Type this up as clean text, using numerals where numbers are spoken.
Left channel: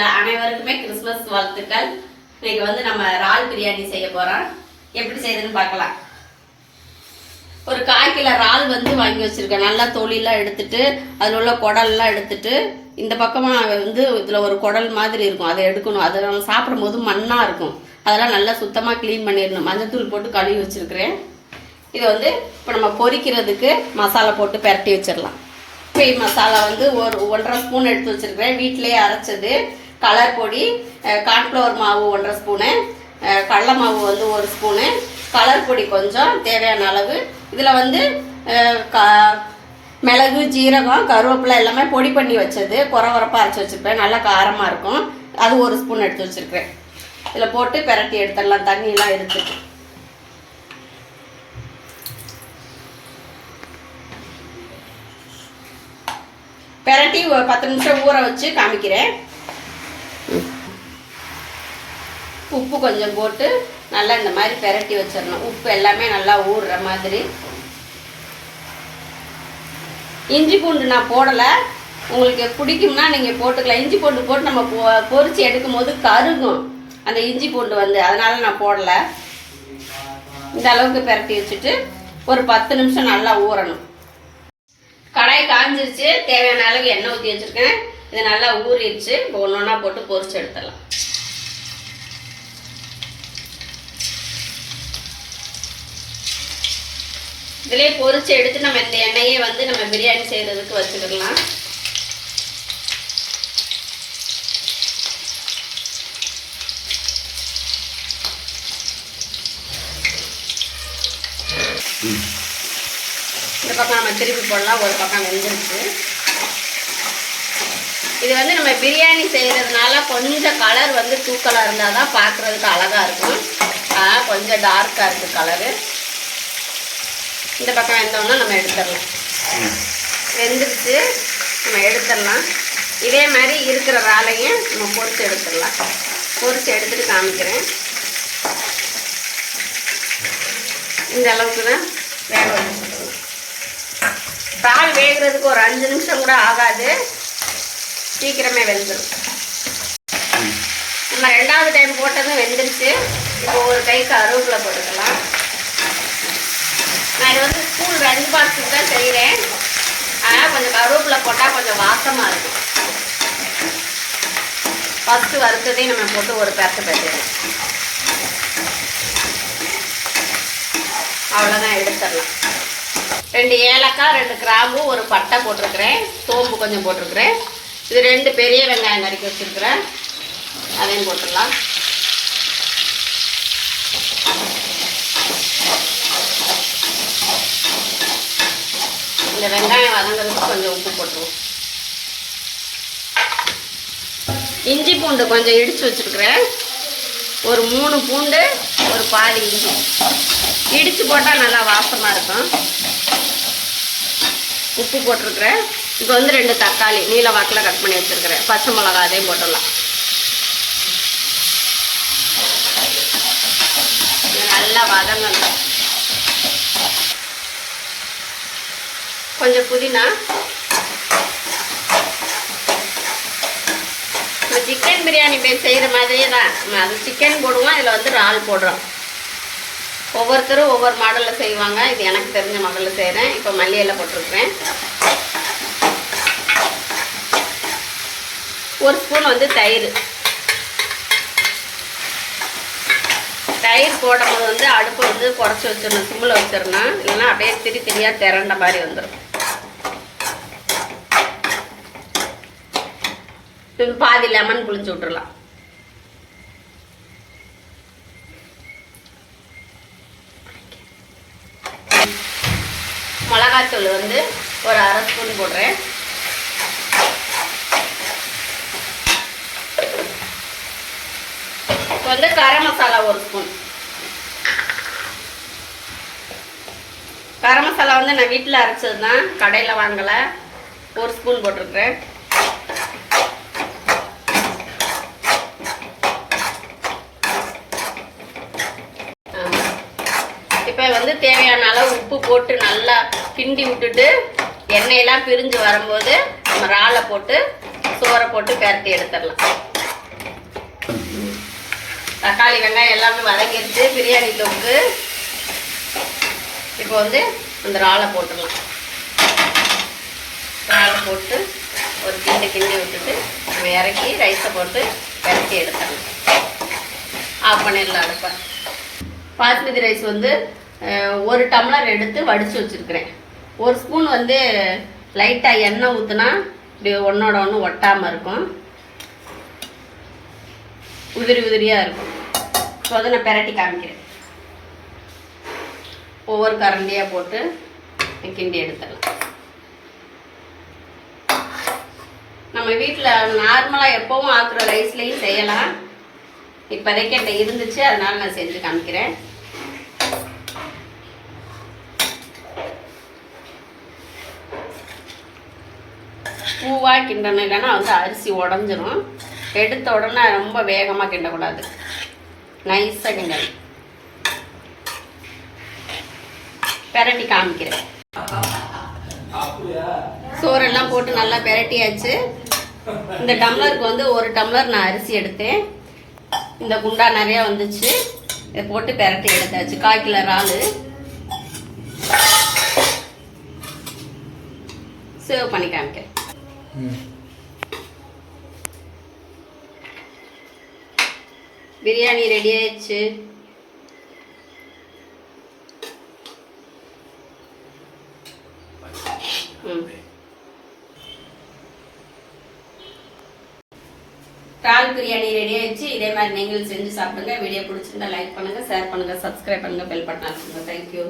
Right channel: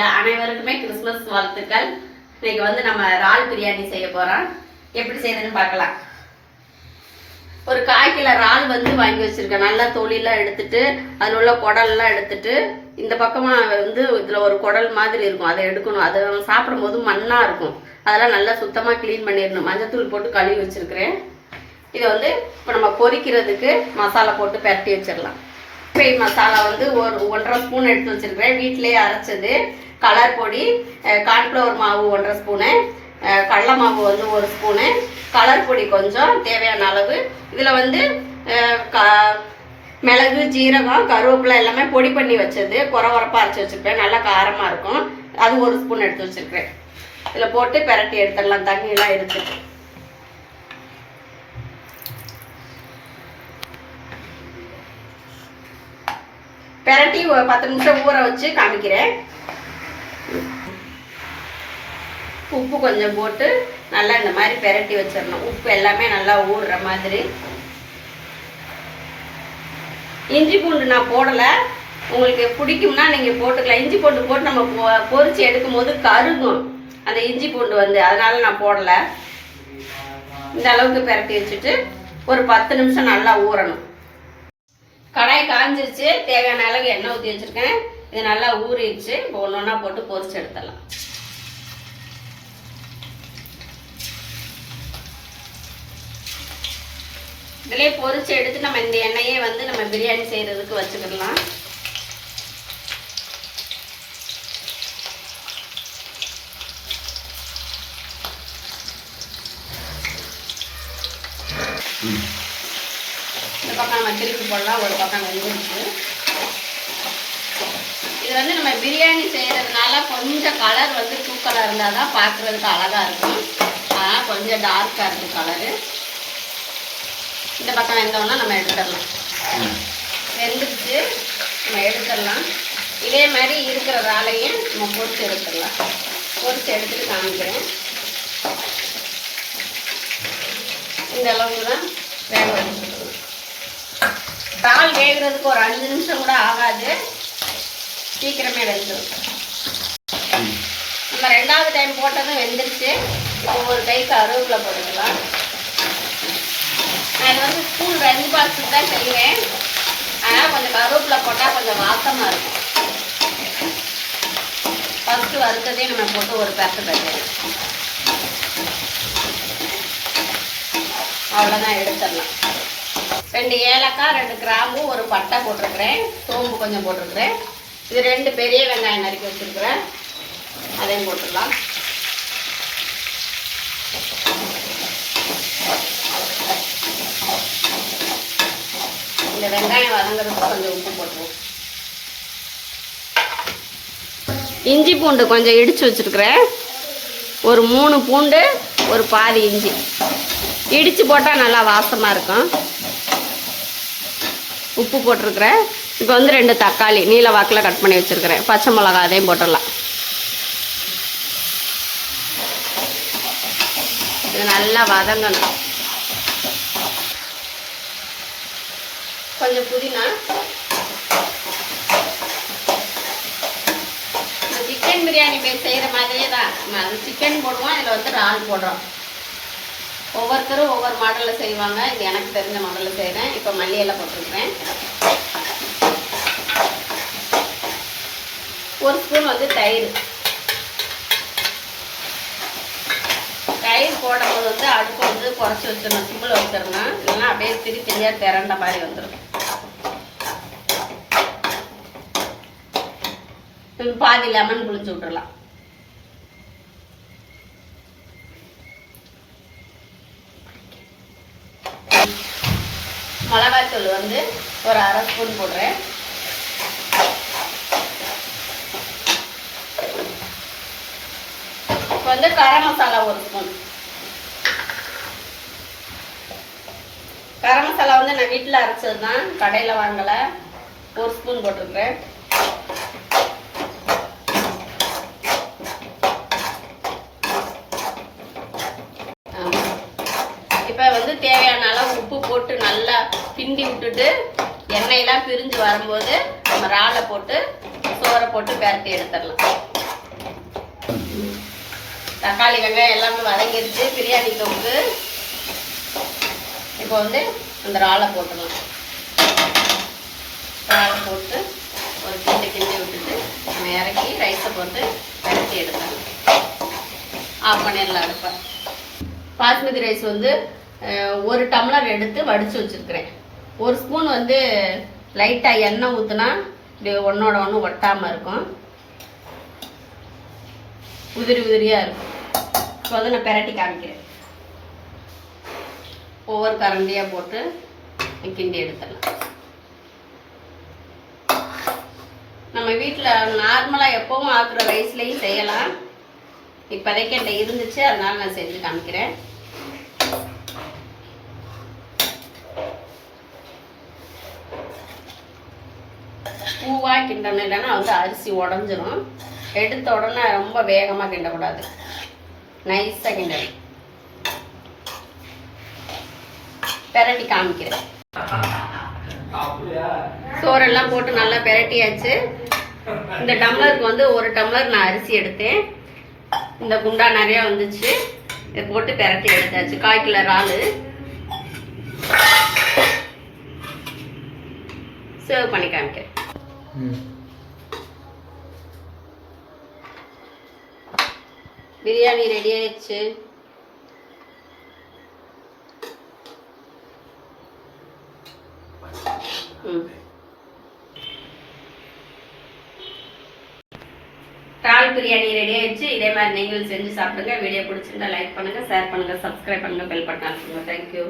அனைவருக்குமே கிறிஸ்மஸ் வாழ்த்துக்கள். இன்னைக்கு வந்து நம்ம இறால் பிரியாணி செய்ய போறோம். எப்படி செய்யறதுன்னு பார்க்கலாம். ஒரு 1/4 கிலோ இறால் வந்து வாங்கி வச்சிருக்கேன். நல்லா தொலிலாம் எடுத்துட்டு அதில் உள்ள குடல்லாம் எடுத்துட்டு இந்த பக்கமா வந்து இதில் ஒரு குடல் மாதிரி இருக்கும், அதை எடுக்கணும். அதை நம்ம சாப்பிடும் போது மண்ணா இருக்கும். அதெல்லாம் நல்லா சுத்தமாக க்ளீன் பண்ணிடணும். மஞ்சத்தூள் போட்டு கழுவி வச்சிருக்கிறேன். இதை வந்து இப்போ நம்ம பொரிக்கிறதுக்கு மசாலா போட்டு பரட்டி வச்சிடலாம். மசாலா வந்து ஒரு 1.5 ஸ்பூன் எடுத்து வச்சிருக்கிறேன். வீட்டிலேயே அரைச்சது. கலர் பொடி, கார்ன்ஃப்ளவர் மாவு 1.5 ஸ்பூனு, கடலை மாவு வந்து 1 ஸ்பூனு, கலர் பொடி கொஞ்சம் தேவையான அளவு. இதில் வந்து மிளகு, ஜீரகம், கருவேப்பிலை எல்லாமே பொடி பண்ணி வச்சது. குறவரப்பாக அரைச்சி வச்சுருப்பேன். நல்லா காரமாக இருக்கும். அது 1 ஸ்பூன் எடுத்து வச்சுருக்கிறேன். இதில் போட்டு பெரட்டி எடுத்துடலாம். தண்ணியெல்லாம் எடுத்துட்டு பெரட்டி ஒரு 10 நிமிஷம் ஊற வச்சு காமிக்கிறேன். உப்பு கொஞ்சம் போட்டு நல்லா இந்த மாதிரி பெரட்டி வச்சிடணும். உப்பு எல்லாமே நல்லா ஊறுற மாதிரி. இஞ்சி பூண்டு நான் போடலை. உங்களுக்கு பிடிக்கும்னா நீங்கள் போட்டுக்கலாம். இஞ்சி பூண்டு போட்டு நம்ம பொரிச்சு எடுக்கும் போது கருகும் அந்த இஞ்சி பூண்டு வந்து, அதனால நான் போடலை. இந்த அளவுக்கு பெரட்டி வச்சுட்டு ஒரு 10 நிமிஷம் நல்லா ஊறணும். கடாய் காஞ்சிருச்சு. தேவையான அளவு எண்ணெய் ஊற்றி வச்சுருக்கேன். இது நல்லா ஊறிடுச்சு. இப்போ ஒன்று ஒன்றா போட்டு பொரிச்சு எடுத்துடலாம். இதிலே பொரிச்சு எடுத்து நம்ம இந்த எண்ணெயே வந்து நம்ம பிரியாணி செய்கிறதுக்கு வச்சுக்கிடலாம். இந்த பக்கம் நம்ம திருப்பி போடலாம். ஒரு பக்கம் வெந்துருச்சு. இது வந்து நம்ம பிரியாணி செய்கிறதுனால கொஞ்சம் கலர் வந்து தூக்கலாக இருந்தால் தான் பார்க்குறதுக்கு அழகாக இருக்கும். ஆனால் கொஞ்சம் டார்க்காக இருக்குது கலரு. இந்த பக்கம் வெந்தோம்னா நம்ம எடுத்துடலாம். வெந்துருச்சு, நம்ம எடுத்துடலாம். இதே மாதிரி இருக்கிற இறாலையும் நம்ம பொரிச்சு எடுத்துடலாம். பொரிச்சு எடுத்துட்டு காமிக்கிறேன். இந்த அளவுக்கு தான் வேக. இறால் வேகிறதுக்கு ஒரு 5 நிமிஷம் கூட ஆகாது. சீக்கிரமே வெந்துடும். நம்ம 2வது டைம் போட்டதும் வெந்துருச்சு. இப்போ ஒரு கை கருவேப்பிலை போட்டுக்கலாம். நான் இது வந்து ஸ்கூல் லஞ்ச் பாக்ஸுக்கு தான் செய்கிறேன். அதனால் கொஞ்சம் கருவேப்பிலை போட்டால் கொஞ்சம் வாசமாக இருக்கும். ஃபஸ்ட்டு வறுத்ததையும் நம்ம போட்டு ஒரு பெரட்டு பெரட்டு அவ்வளோதான், எடுத்துடலாம். 2 ஏலக்காய், 2 கிராம்பு, ஒரு பட்டை போட்டிருக்கிறேன். சோம்பு கொஞ்சம் போட்டிருக்கிறேன். இது 2 பெரிய வெங்காயம் நறுக்கி வச்சுருக்கிறேன். அதையும் போட்டுடலாம். இந்த வெங்காயம் வதங்கிறதுக்கு கொஞ்சம் உப்பு போட்டுருவோம். இஞ்சி பூண்டு கொஞ்சம் இடித்து வச்சுருக்கிறேன். ஒரு 3 பூண்டு, ஒரு பாதி இஞ்சி இடித்து போட்டால் நல்லா வாசமாக இருக்கும். உப்பு போட்டிருக்கிறேன். இப்போ வந்து 2 தக்காளி நீல வாக்கில் கட் பண்ணி வச்சுருக்கிறேன். பச்சை மிளகாய் அதையும் போட்டுடலாம். இது நல்லா வதங்கணும். கொஞ்சம் புதினா. சிக்கன் பிரியாணி செய்கிற மாதிரியே தான். அது சிக்கன் போடுவோம். இதில் வந்து இறால் போடுறோம். ஒவ்வொருத்தரும் ஒவ்வொரு மாடலில் செய்வாங்க. இது எனக்கு தெரிஞ்ச மாடலில் செய்கிறேன். இப்போ மல்லி இலை போட்டிருக்கிறேன். 1 ஸ்பூன் வந்து தயிர். தயிர் போடும்போது வந்து அடுப்பு வந்து குறைச்சி வச்சிடணும். சிம்பிள் வச்சிடணும். இல்லைன்னா அப்படியே திரியாக திரண்ட மாதிரி வந்துடும். பாதி லெமன் புளிச்சு விட்டுறலாம். மிளகாத்தூள் வந்து ஒரு 1/2 ஸ்பூன் போடுறேன். வந்து கரம் மசாலா 1 ஸ்பூன். கரம் மசாலா வந்து நான் வீட்டில் அரைச்சது தான், கடையில் வாங்கலை. 1 ஸ்பூன் போட்டிருக்கிறேன். இப்போ வந்து தேவையான அளவு உப்பு போட்டு நல்லா கிண்டி விட்டுட்டு எண்ணெயெல்லாம் பிரிஞ்சு வரும்போது நம்ம இறாலை போட்டு சோறை போட்டு பெரட்டி எடுத்துடலாம். தக்காளி வெங்காயம் எல்லாமே வதங்கிடுச்சு. பிரியாணி தொக்கு இப்போ வந்து அந்த இறாலை போட்டுடலாம். இறாலை போட்டு ஒரு கிண்டி விட்டுட்டு நம்ம இறக்கி ரைஸை போட்டு கட்டி எடுத்தாங்க. ஆஃப் பண்ணிடலாம் அடுப்பேன். பாஸ்மதி ரைஸ் வந்து 1 டம்ளர் எடுத்து வடித்து வச்சுருக்கிறேன். 1 ஸ்பூன் வந்து லைட்டாக எண்ணெய் ஊற்றுனா இப்படி ஒன்றோட ஒன்று ஒட்டாமல் இருக்கும், உதிரியாக இருக்கும். இப்போ வந்து நான் பெரட்டி காமிக்கிறேன். ஒவ்வொரு கரண்டியாக போட்டு கிண்டி எடுத்துடலாம். நம்ம வீட்டில் நார்மலாக எப்பவும் ஆக்குற ரைஸ்லேயும் செய்யலாம். இப்போதைக்கு என்கிட்ட இருந்துச்சு, அதனால நான் செஞ்சு காமிக்கிறேன். பூவாக கிண்டணும், இல்லைன்னா வந்து அரிசி உடஞ்சிரும். எடுத்த உடனே ரொம்ப வேகமாக கிண்டக்கூடாது, நைஸாக கிண்டணும். பெரட்டி காமிக்கிறேன். சோறெல்லாம் போட்டு நல்லா பெரட்டியாச்சு. இந்த டம்ளருக்கு வந்து 1 டம்ளர் நான் அரிசி எடுத்தேன். இந்த குண்டா நிறையா வந்துச்சு. இதை போட்டு பெரட்டி எடுத்தாச்சு. 1/4 கிலோ இறால் சர்வ் பண்ணி காமிக்கிறேன். பிரியாணி ரெடி ஆயிடுச்சு. இறால் பிரியாணி ரெடி ஆயிடுச்சு. இதே மாதிரி நீங்களும் செஞ்சு சாப்பிடுங்க. வீடியோ பிடிச்சிருந்தா லைக் பண்ணுங்க, ஷேர் பண்ணுங்க, சப்ஸ்கிரைப் பண்ணுங்க, பெல் பட்டன் அழுத்துங்க. தேங்க்யூ.